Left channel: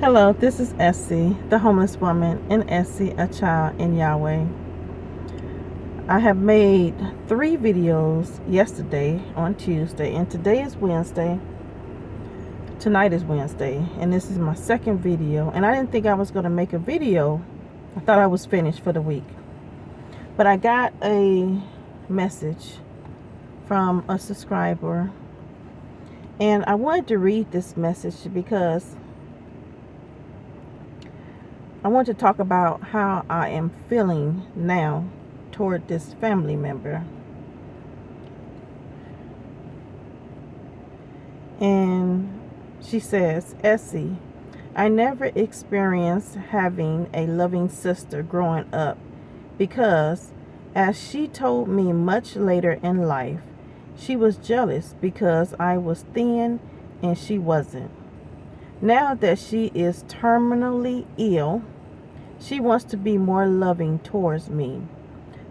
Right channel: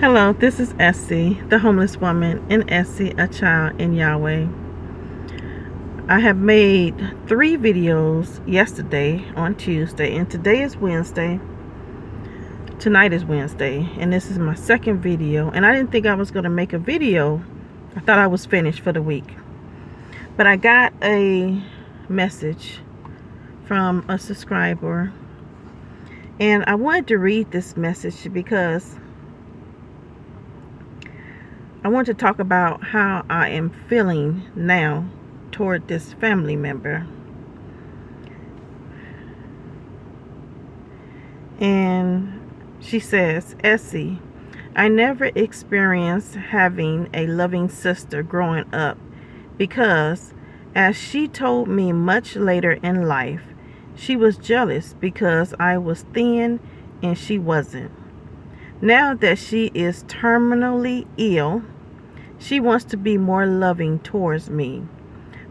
Hello, this is Essie, the homeless woman, and Essie, a child in Yahweh. I have made 3 videos yesterday on Tuesday, and today is Wednesday. Tonight is Wednesday, and this is my second video. And I didn't think I was going to make a video. I thought I was finished for the week. But I got a message from a subscriber, and I wanted to read this message because I want to talk about how I am feeling now toward this family member. And she says, Essie, I never experienced having a loving sister growing up because, as she told me much later in life, she was jealous because I was thin and she wasn't. Now that she is terminally ill, she wants to be more loving towards me.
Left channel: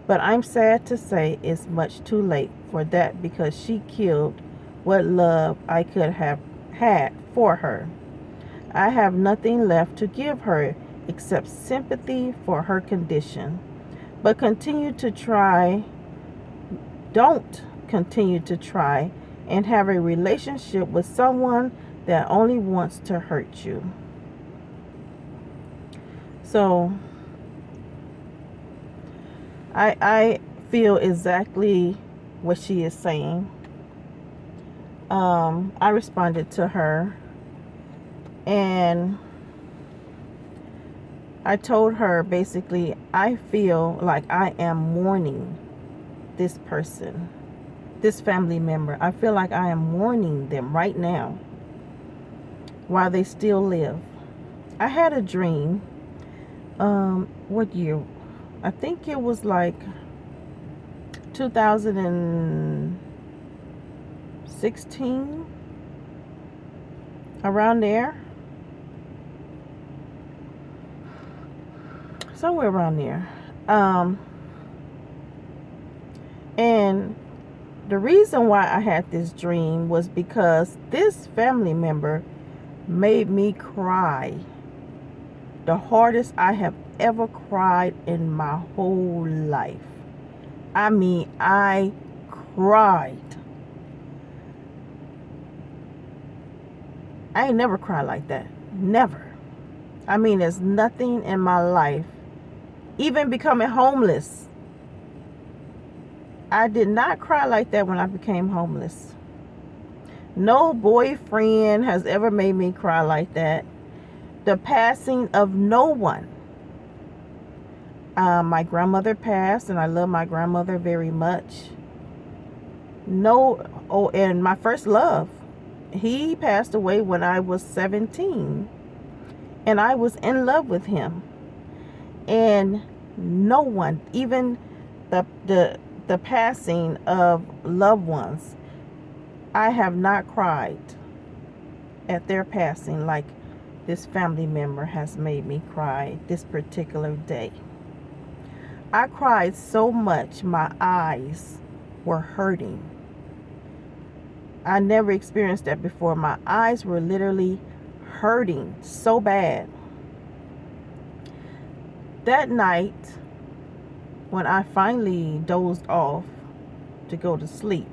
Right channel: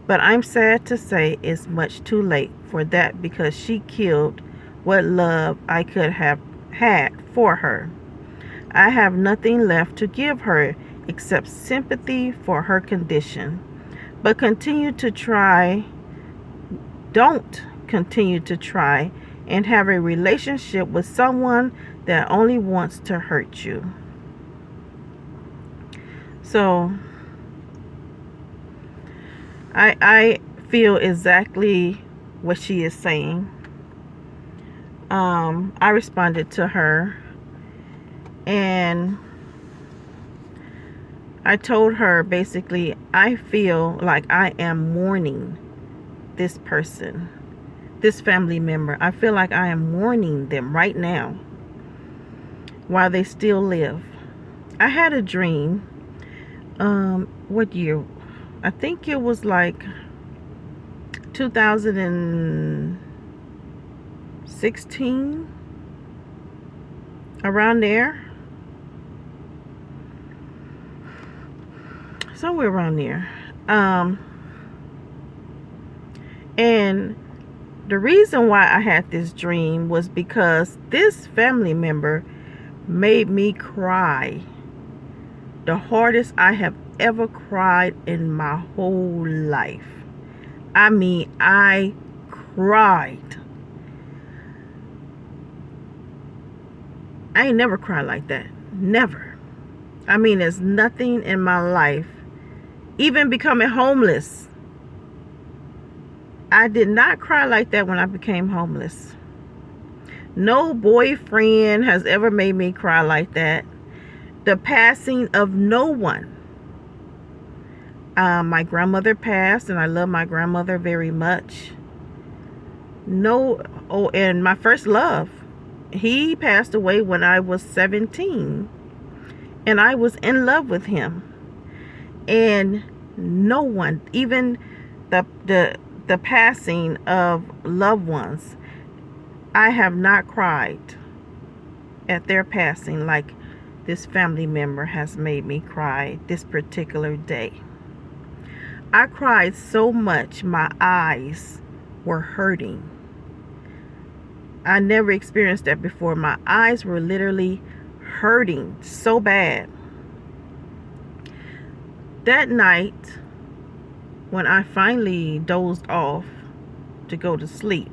But I'm sad to say it's much too late for that because she killed what love I could have had for her. I have nothing left to give her except sympathy for her condition. But don't continue to try and have a relationship with someone that only wants to hurt you. So I feel exactly what she is saying. I responded to her and I told her basically I feel like I am mourning this person, this family member. I feel like I am mourning them right now while they still live. I had a dream. What year? I think it was like 2016, around there, somewhere around there. And the reason why I had this dream was because this family member made me cry the hardest I have ever cried in my whole life. I mean, I cried. I ain't never cried like that. Never. I mean, there's nothing in my life, even becoming homeless. I did not cry like that when I became homeless. No boyfriend has ever made me cry like that. The passing of no one. My grandmother passed, and I love my grandmother very much. And my first love, he passed away when I was 17, and I was in love with him. And no one, even the passing of loved ones, I have not cried at their passing like this family member has made me cry this particular day. I cried so much my eyes were hurting. I never experienced that before. My eyes were literally hurting so bad. That night, when I finally dozed off to go to sleep,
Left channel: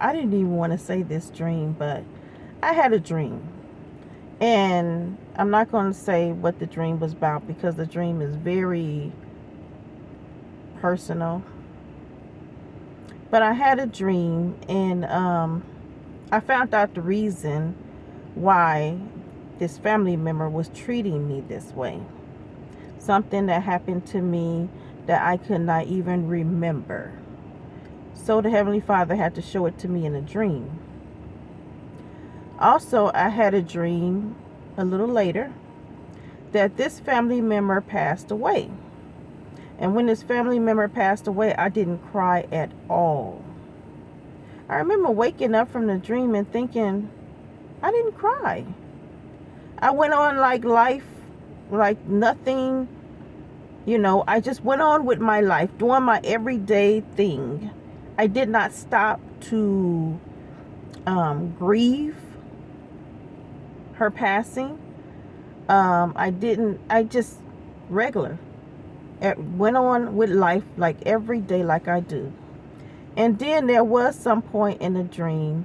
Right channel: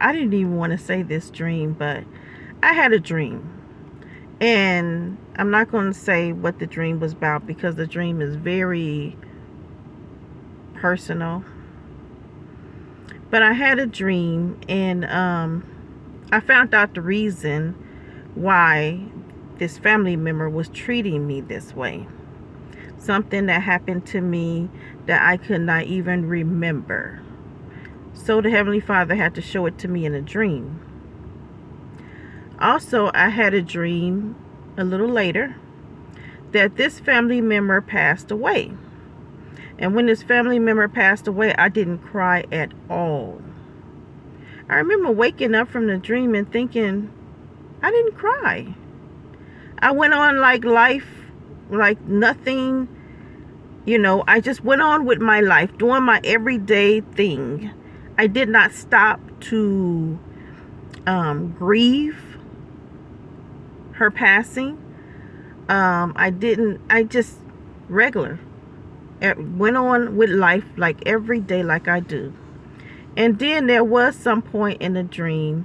I didn't even want to say this dream, but I had a dream. And I'm not going to say what the dream was about because the dream is very personal. But I had a dream, and I found out the reason why this family member was treating me this way. Something that happened to me that I could not even remember. So the Heavenly Father had to show it to me in a dream. Also, I had a dream a little later that this family member passed away. And when this family member passed away, I didn't cry at all. I remember waking up from the dream and thinking, I didn't cry. I went on like life, like nothing, You know, I just went on with my life, doing my everyday thing. I did not stop to grieve her passing. I just regular. Went on with life like every day like I do. And then there was some point in the dream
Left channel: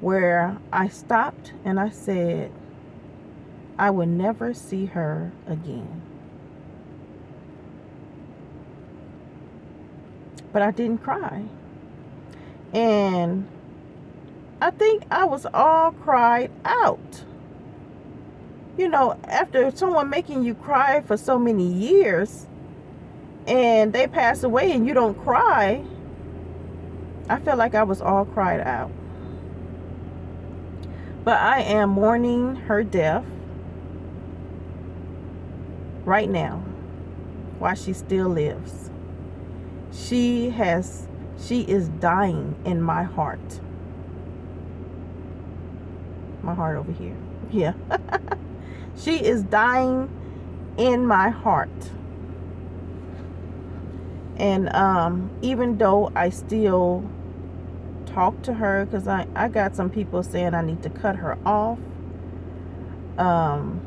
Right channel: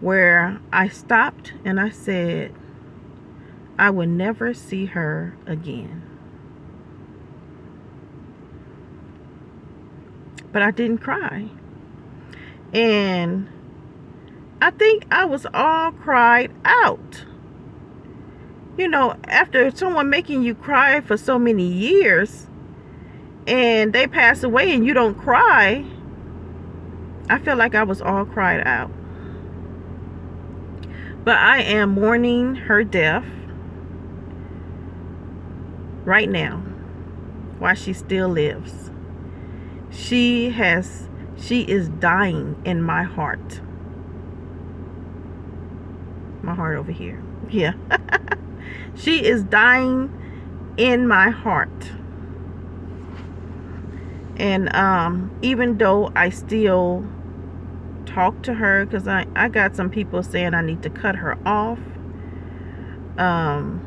where I stopped and I said, I will never see her again. But I didn't cry. And I think I was all cried out. You know, after someone making you cry for so many years and they pass away and you don't cry, I feel like I was all cried out. But I am mourning her death right now while she still lives. She is dying in my heart. My heart over here. Yeah. She is dying in my heart. And even though I still talk to her, because I got some people saying I need to cut her off. And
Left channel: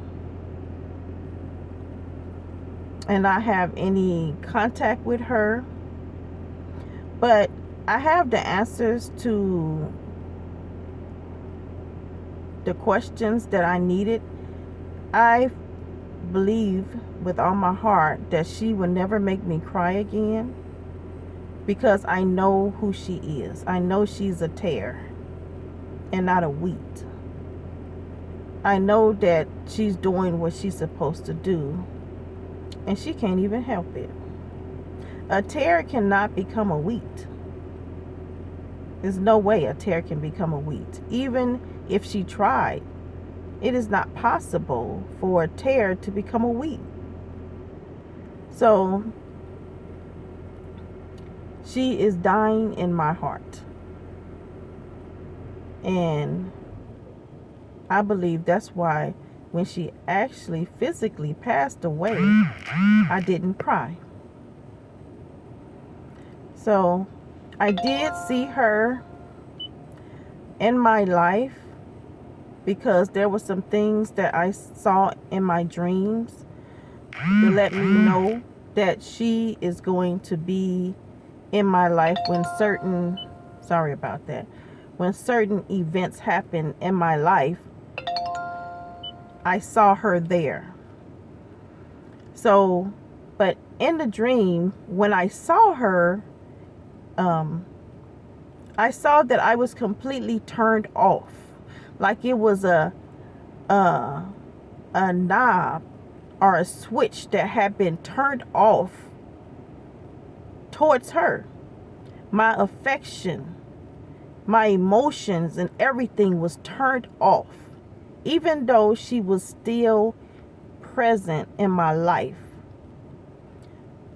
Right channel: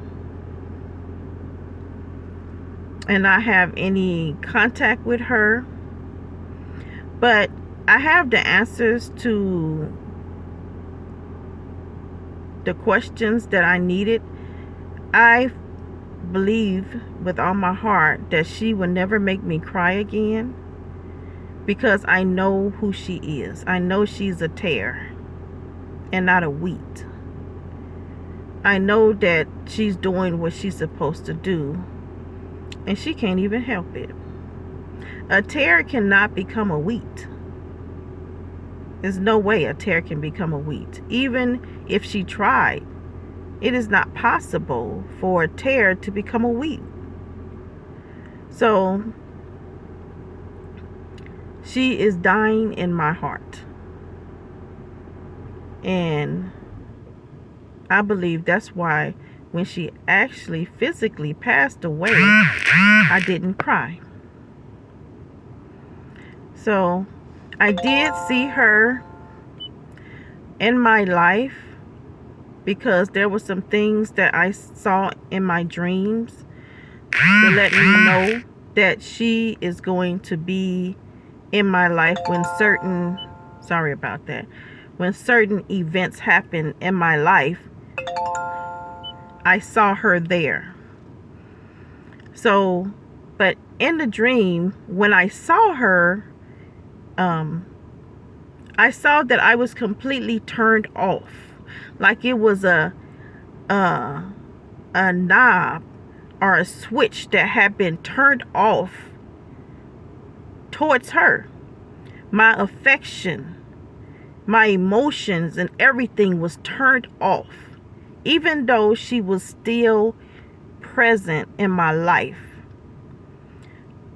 not have any contact with her. But I have the answers to the questions that I needed. I believe with all my heart that she will never make me cry again, because I know who she is. I know she's a tear and not a wheat. I know that she's doing what she's supposed to do, and she can't even help it. A tear cannot become a wheat. There's no way a tear can become a wheat. Even if she tried, it is not possible for a tear to become a wheat. So she is dying in my heart. And I believe that's why when she actually physically passed away, I didn't cry. So I did see her in my life, because there were some things that I saw in my dreams to let me know that she is going to be in my life when certain, sorry about that, when certain events happen in my life. I saw her there. So, but in the dream, when I saw her, I saw that I was completely turned off. Like it was a knob or a switch that had been turned off towards her. My affection, my emotions, and everything was turned off, even though she was still present in my life.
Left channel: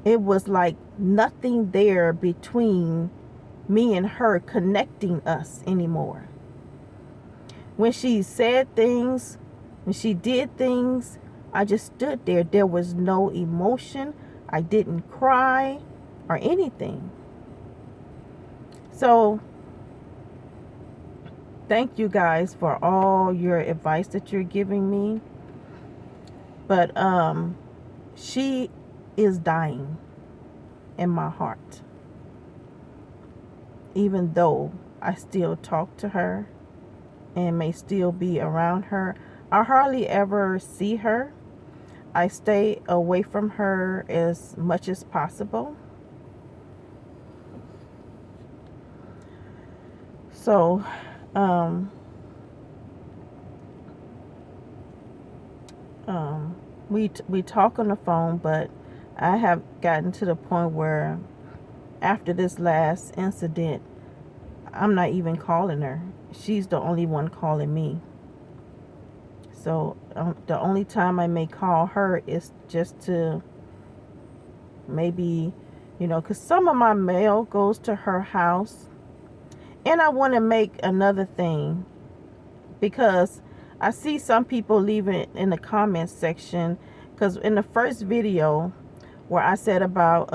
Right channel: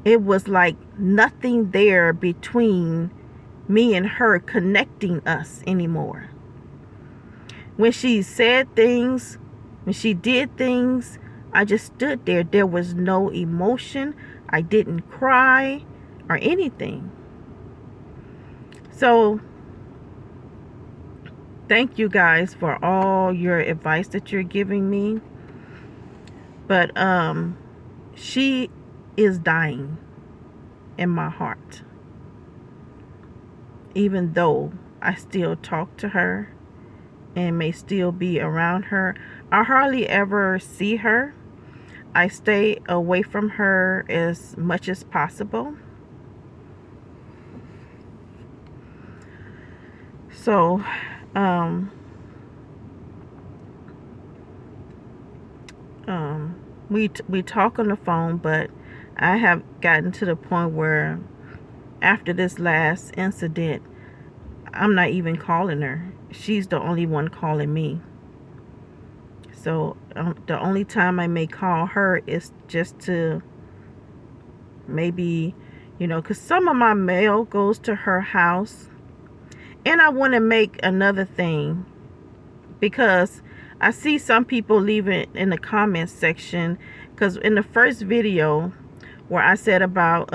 It was like nothing there between me and her connecting us anymore. When she said things, when she did things, I just stood there. There was no emotion. I didn't cry or anything. So thank you guys for all your advice that you're giving me. But she is dying in my heart. Even though I still talk to her and may still be around her, I hardly ever see her. I stay away from her as much as possible. So we talk on the phone, but I have gotten to the point where after this last incident, I'm not even calling her. She's the only one calling me. So the only time I may call her is just to maybe, because some of my mail goes to her house. And I want to make another thing, because I see some people leaving in the comments section, because in the first video where I said about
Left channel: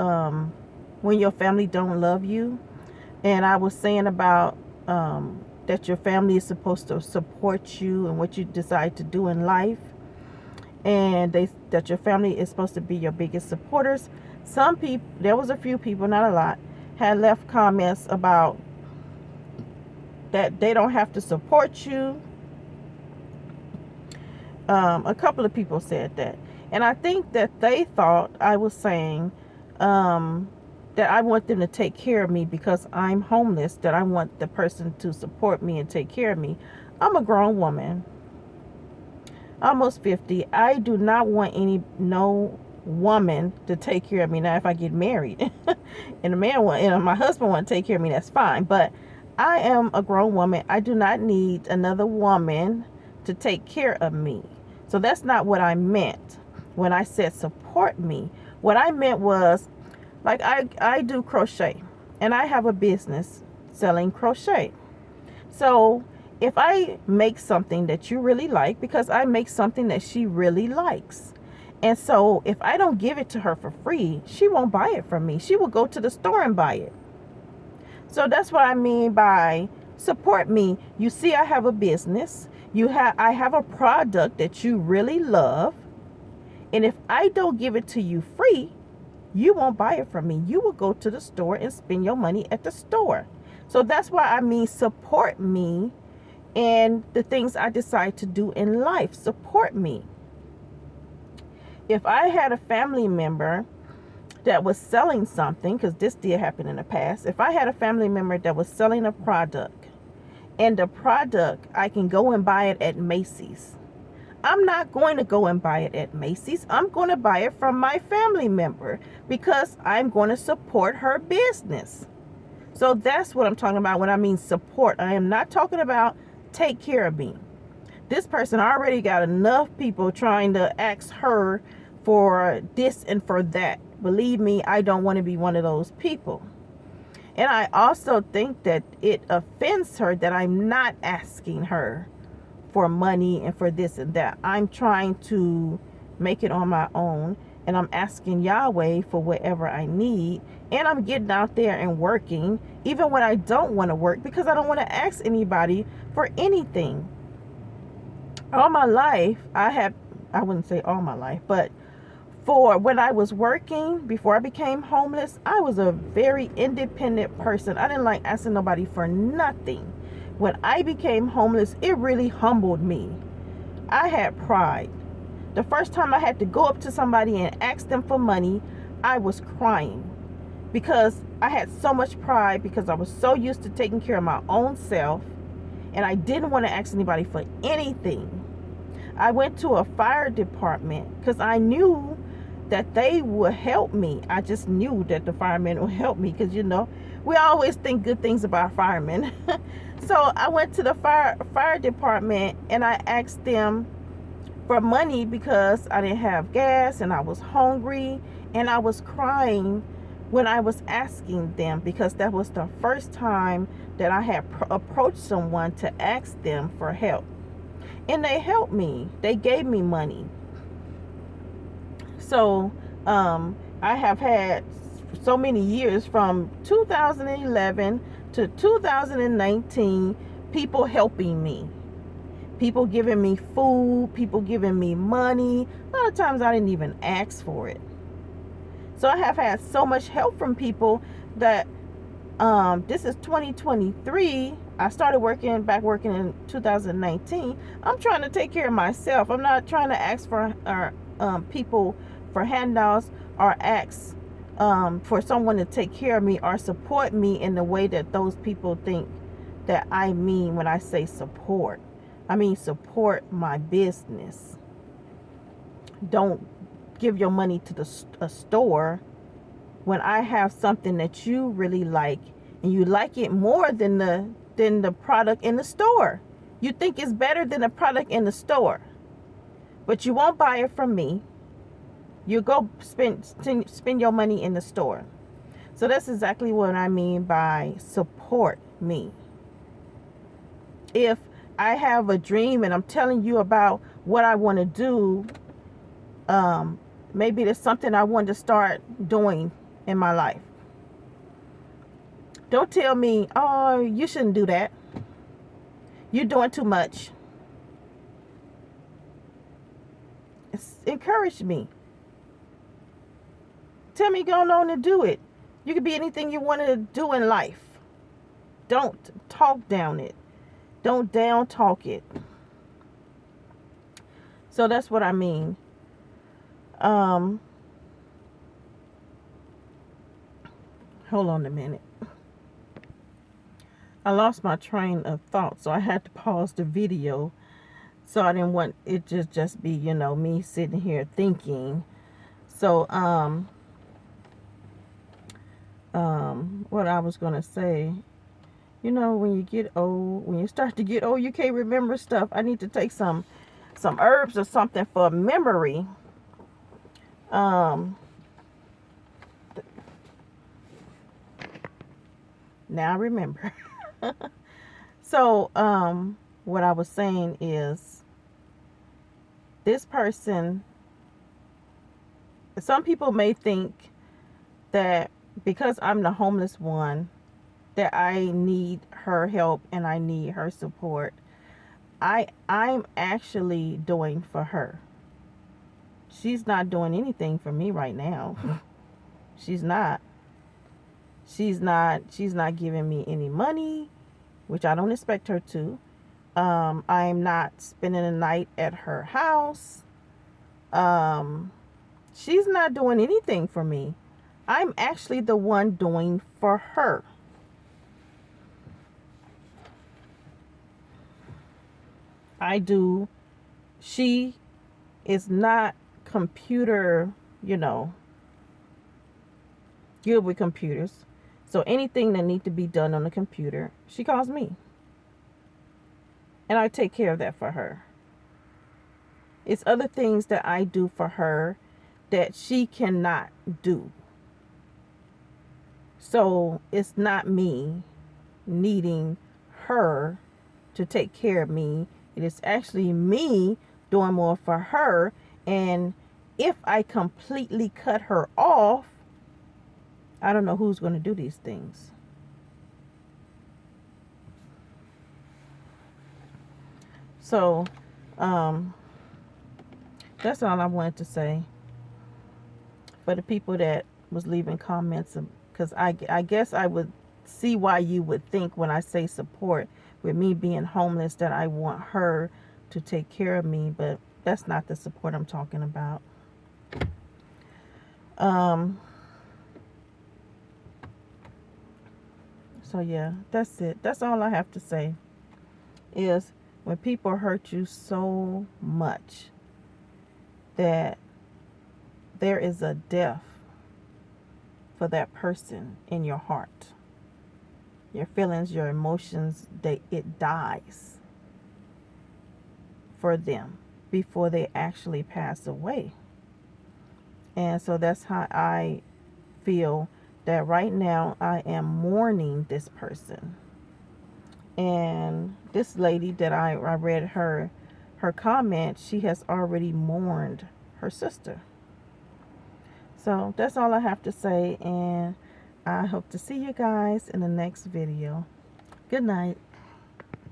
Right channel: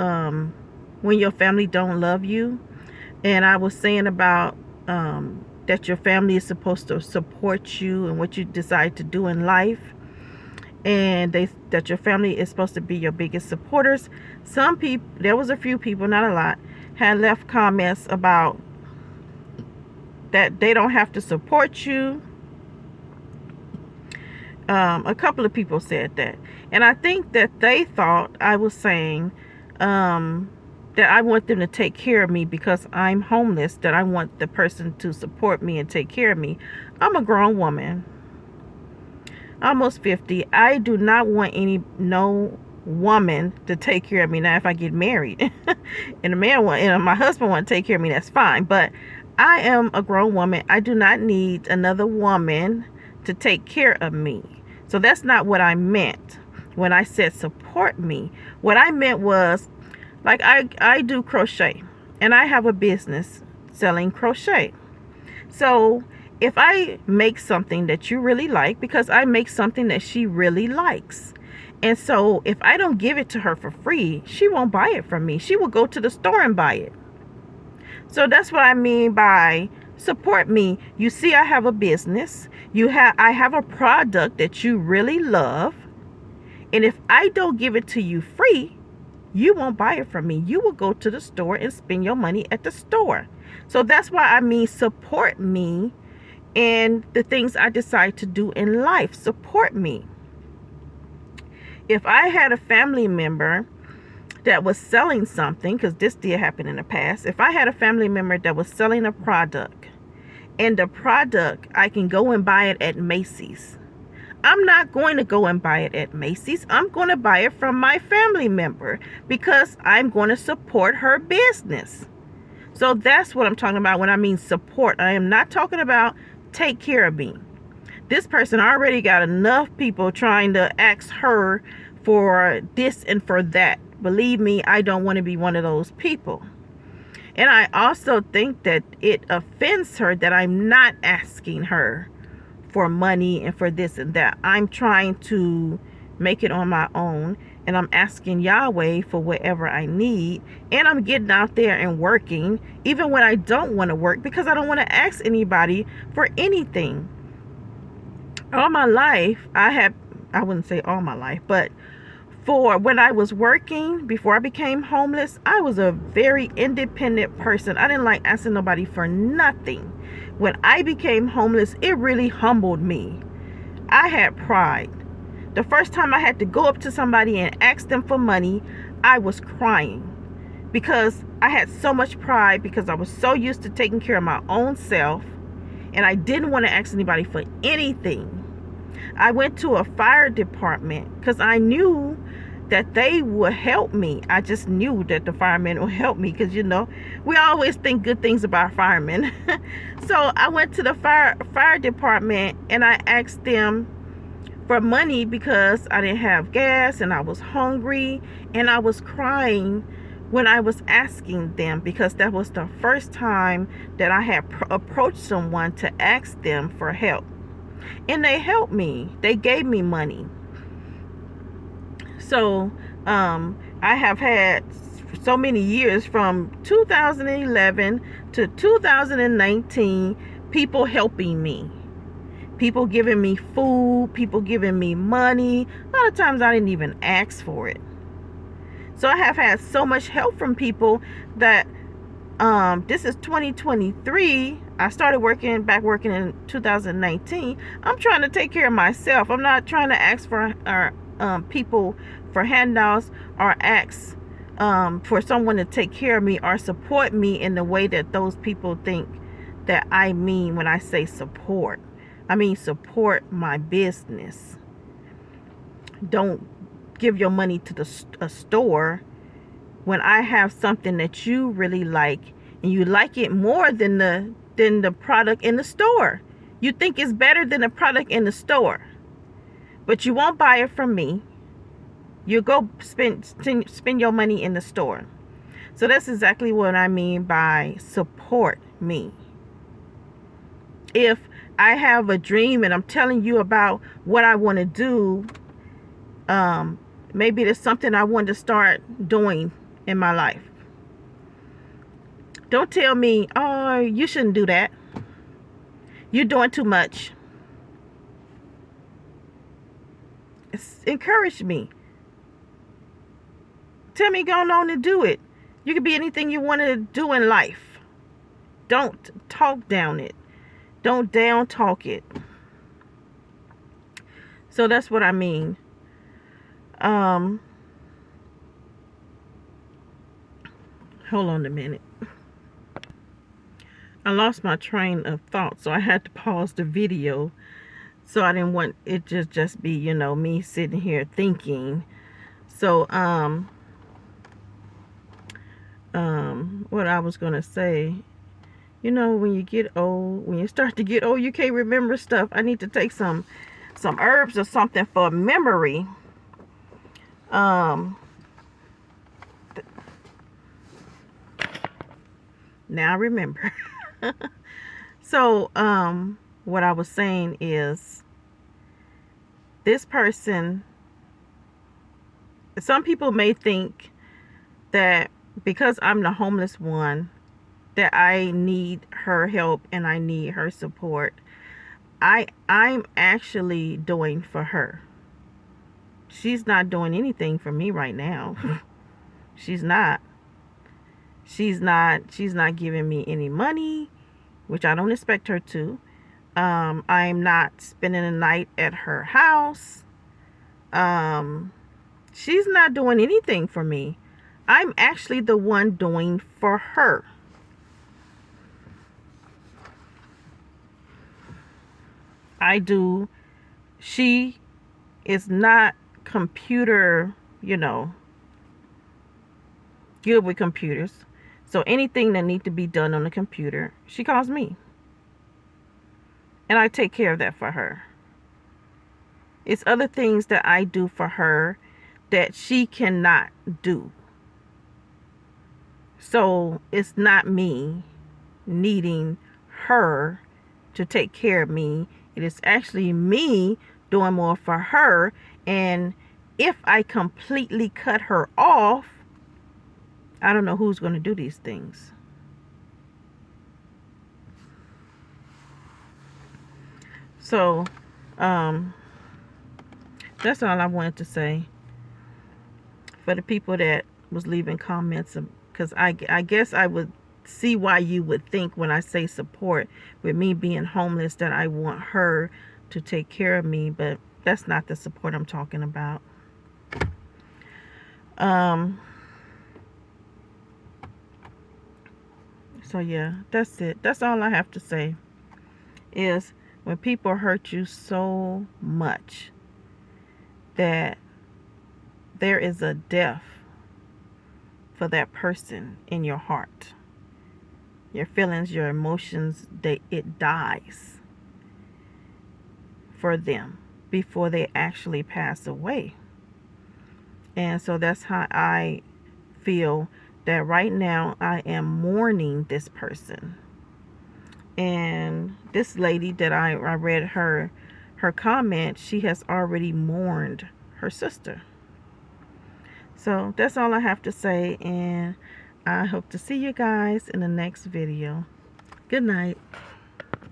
when your family don't love you. And I was saying about that your family is supposed to support you and what you decide to do in life. And that your family is supposed to be your biggest supporters. Some people, there was a few people, not a lot, had left comments about that they don't have to support you. A couple of people said that. And I think that they thought I was saying that I want them to take care of me because I'm homeless, that I want the person to support me and take care of me. I'm a grown woman, almost 50. I do not want no woman to take care of me. Now, if I get married and a man my husband want to take care of me, that's fine. But I am a grown woman. I do not need another woman to take care of me. So that's not what I meant when I said support me. What I meant was, like, I do crochet and I have a business selling crochet. So if I make something that you really like, because I make something that she really likes, and so if I don't give it to her for free, she won't buy it from me. She will go to the store and buy it. So that's what I mean by support me. You see, I have a business. I have a product that you really love. And if I don't give it to you free, you won't buy it from me. You will go to the store and spend your money at the store. So that's why I mean support me in the things I decide to do in life. Support me. If I had a family member that was selling something, because this did happen in the past, if I had a family member that was selling a product, and the product, I can go and buy it at Macy's, I'm not going to go and buy it at Macy's. I'm going to buy it from my family member because I'm going to support her business. So that's what I'm talking about when I mean support. I am not talking about take care of me. This person already got enough people trying to ask her for this and for that. Believe me, I don't want to be one of those people. And I also think that it offends her that I'm not asking her for money and for this and that. I'm trying to make it on my own, and I'm asking Yahweh for whatever I need, and I'm getting out there and working even when I don't want to work, because I don't want to ask anybody for anything. All my life, I wouldn't say all my life, but for when I was working, before I became homeless, I was a very independent person. I didn't like asking nobody for nothing. When I became homeless, it really humbled me. I had pride. The first time I had to go up to somebody and ask them for money, I was crying because I had so much pride, because I was so used to taking care of my own self, and I didn't want to ask anybody for anything. I went to a fire department because I knew that they would help me. I just knew that the firemen would help me, because, you know, we always think good things about firemen. So I went to the fire department and I asked them for money because I didn't have gas and I was hungry, and I was crying when I was asking them, because that was the first time that I had approached someone to ask them for help. And they helped me. They gave me money. So I have had so many years, from 2011 to 2019, people helping me, people giving me food, people giving me money. A lot of times I didn't even ask for it. So I have had so much help from people that this is 2023. I started working in 2019. I'm trying to take care of myself. I'm not trying to ask for people for handouts, or ask for someone to take care of me or support me in the way that those people think that I mean when I say support. I mean support my business. Don't give your money to a store when I have something that you really like, and you like it more than the product in the store. You think it's better than the product in the store, but you won't buy it from me. You go spend your money in the store. So that's exactly what I mean by support me. If I have a dream and I'm telling you about what I want to do, maybe there's something I want to start doing in my life. Don't tell me, oh, you shouldn't do that. You're doing too much. Encourage me. Tell me, go on and do it. You can be anything you want to do in life. Don't talk down it. Don't down talk it. So that's what I mean. Hold on a minute. I lost my train of thought, so I had to pause the video. So I didn't want it to just be, you know, me sitting here thinking. So what I was gonna say, you know, when you get old, when you start to get old, you can't remember stuff. I need to take some herbs or something for memory. Now I remember. So what I was saying is, this person, some people may think that because I'm the homeless one, that I need her help and I need her support. I'm actually doing for her. She's not doing anything for me right now. She's not giving me any money, which I don't expect her to. I'm not spending the night at her house. She's not doing anything for me. I'm actually the one doing for her. I do. She is not computer, you know, good with computers. So anything that needs to be done on the computer, she calls me. And I take care of that for her. It's other things that I do for her that she cannot do. So it's not me needing her to take care of me. It is actually me doing more for her. And if I completely cut her off, I don't know who's going to do these things. So that's all I wanted to say. For the people that was leaving comments, because I guess I would see why you would think when I say support, with me being homeless, that I want her to take care of me, but that's not the support I'm talking about. So yeah, that's it. That's all I have to say, is when people hurt you so much that there is a death for that person in your heart, your feelings, your emotions, it dies for them before they actually pass away. And so that's how I feel, that right now I am mourning this person. And this lady that I read her comment, she has already mourned her sister. So that's all I have to say, and I hope to see you guys in the next video. Good night.